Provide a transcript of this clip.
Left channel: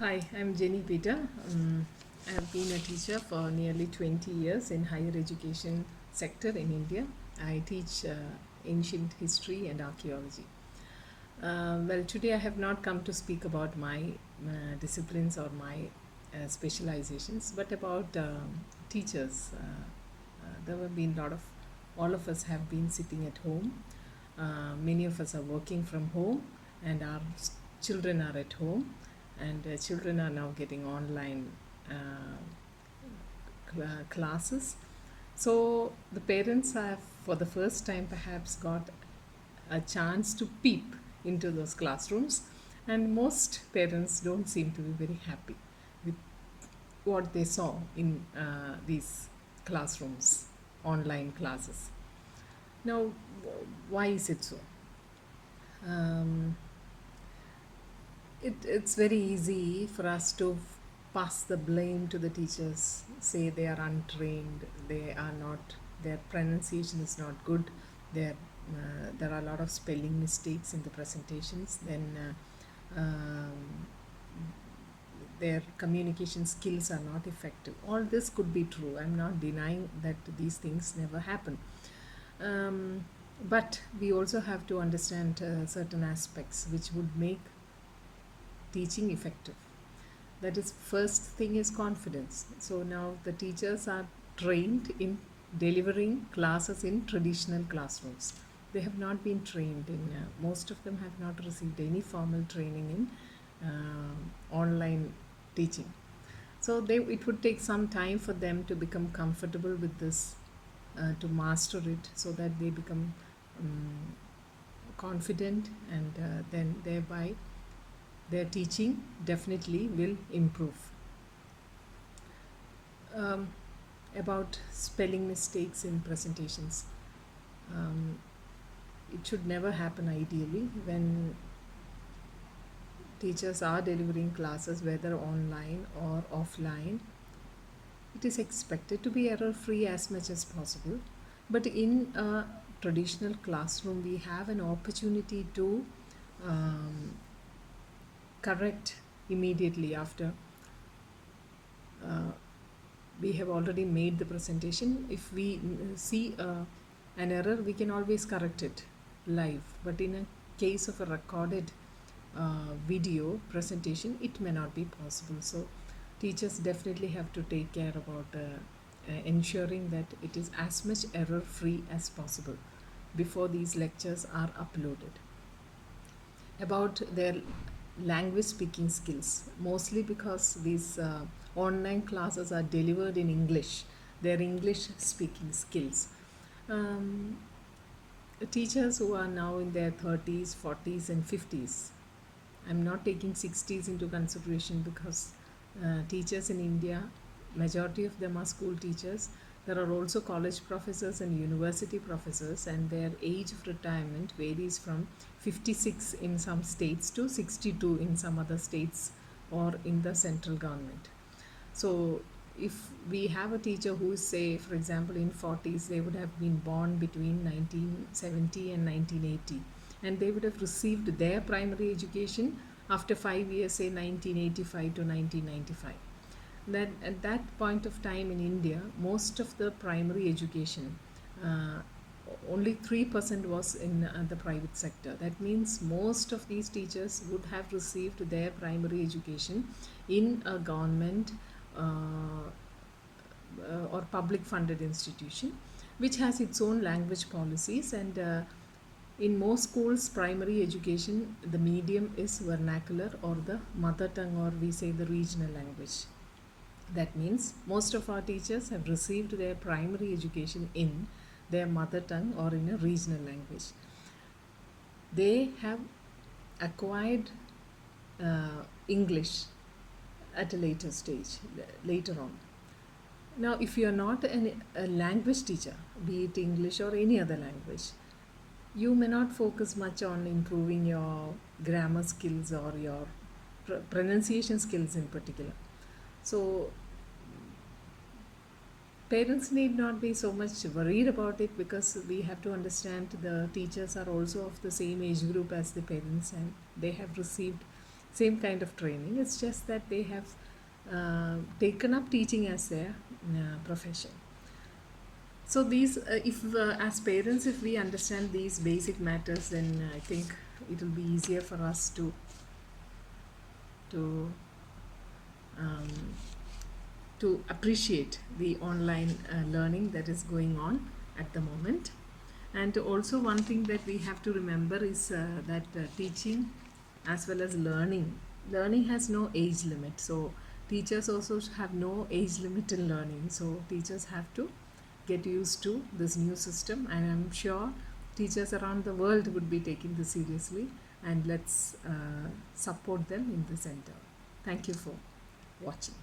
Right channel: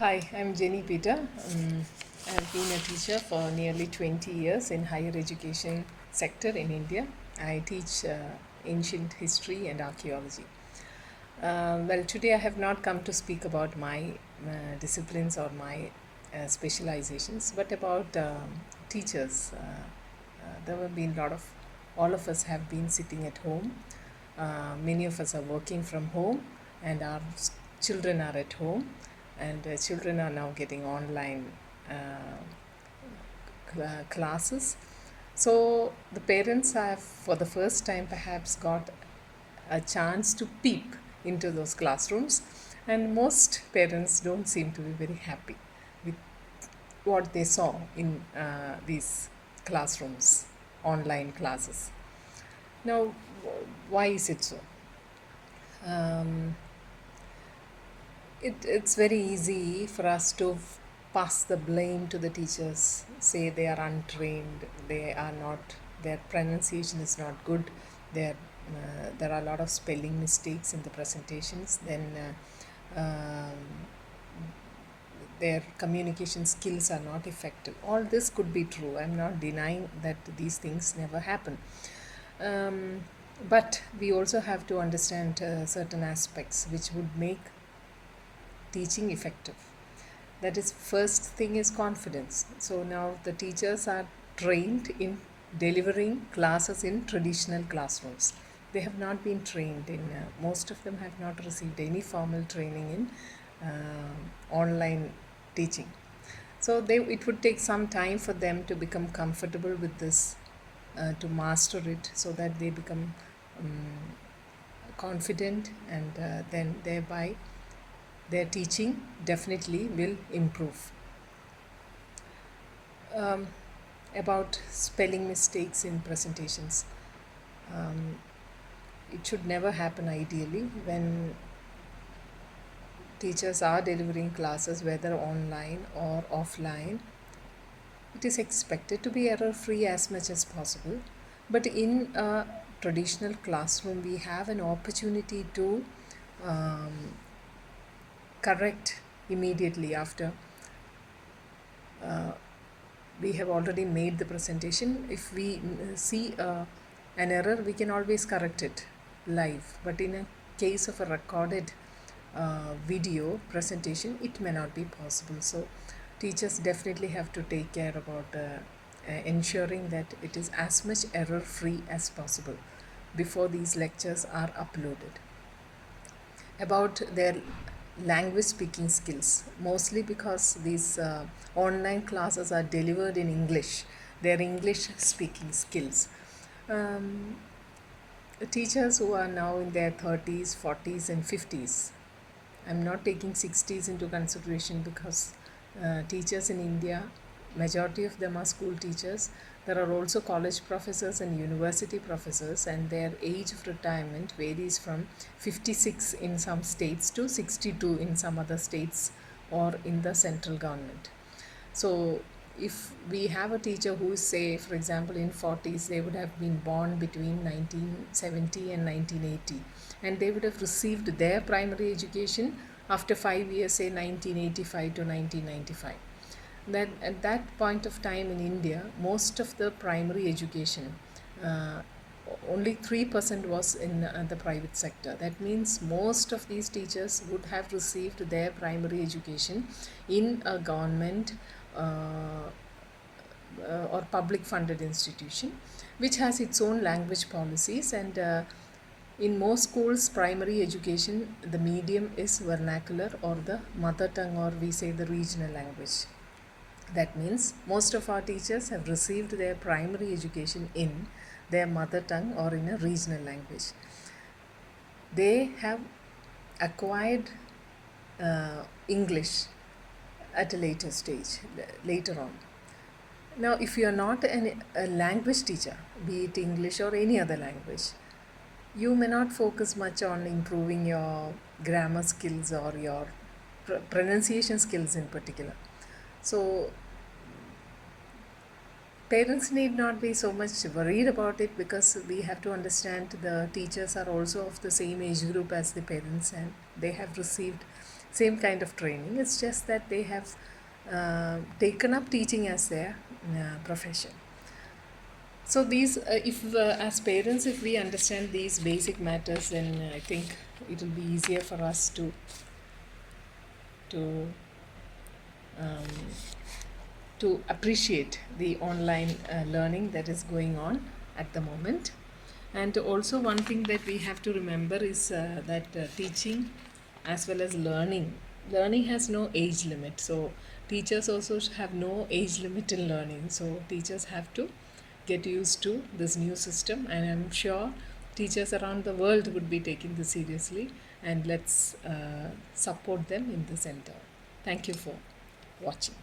Hi, I'm Jenny Peter. I have been a teacher for nearly 20 years in higher education sector in India. I teach ancient history and archaeology. Today I have not come to speak about my disciplines or my specializations, but about teachers. There have been a lot of, all of us have been sitting at home. Many of us are working from home, and our children are at home, and children are now getting online classes. So the parents have, for the first time, perhaps got a chance to peep into those classrooms, and most parents don't seem to be very happy with what they saw in these classrooms, online classes. Now, why is it so? Um, it's very easy for us to pass the blame to the teachers, say they are untrained, they are not, their pronunciation is not good, there are a lot of spelling mistakes in the presentations, then their communication skills are not effective. All this could be true. I'm not denying that these things never happen. But we also have to understand certain aspects which would make teaching effective. That is, first thing is confidence. So now the teachers are trained in delivering classes in traditional classrooms. They have not been trained in, most of them have not received any formal training in online teaching. So it would take some time for them to become comfortable with this, to master it, so that they become confident, and then thereby their teaching definitely will improve. Um, about spelling mistakes in presentations, um, it should never happen ideally when teachers are delivering classes, whether online or offline. It is expected to be error free as much as possible. But in a traditional classroom, we have an opportunity to um, correct immediately after we have already made the presentation. If we see an error, we can always correct it live. But in a case of a recorded video presentation, it may not be possible. So teachers definitely have to take care about ensuring that it is as much error free as possible before these lectures are uploaded. About their language speaking skills, mostly because these online classes are delivered in English, their English speaking skills. Um, Teachers who are now in their 30s, 40s, and 50s, I'm not taking 60s into consideration because teachers in India, majority of them are school teachers. There are also college professors and university professors, and their age of retirement varies from 56 in some states to 62 in some other states or in the central government. So if we have a teacher who is, say, for example, in 40s, they would have been born between 1970 and 1980, and they would have received their primary education after 5 years, say 1985 to 1995. That at that point of time in India, most of the primary education, uh, only 3% was in the private sector. That means most of these teachers would have received their primary education in a government uh, or public funded institution, which has its own language policies. And in most schools, primary education, the medium is vernacular or the mother tongue, or we say the regional language. That means most of our teachers have received their primary education in their mother tongue or in a regional language. They have acquired English at a later stage, later on. Now, if you are not a language teacher, be it English or any other language, you may not focus much on improving your grammar skills or your pronunciation skills in particular. So parents need not be so much worried about it, because we have to understand the teachers are also of the same age group as the parents, and they have received same kind of training. It's just that they have taken up teaching as their profession. So these, if as parents, if we understand these basic matters, then I think it will be easier for us to um, to appreciate the online learning that is going on at the moment. And also, one thing that we have to remember is that teaching as well as learning has no age limit. So teachers also have no age limit in learning. So teachers have to get used to this new system, and I'm sure teachers around the world would be taking this seriously, and let's support them in the center. Thank you for watching.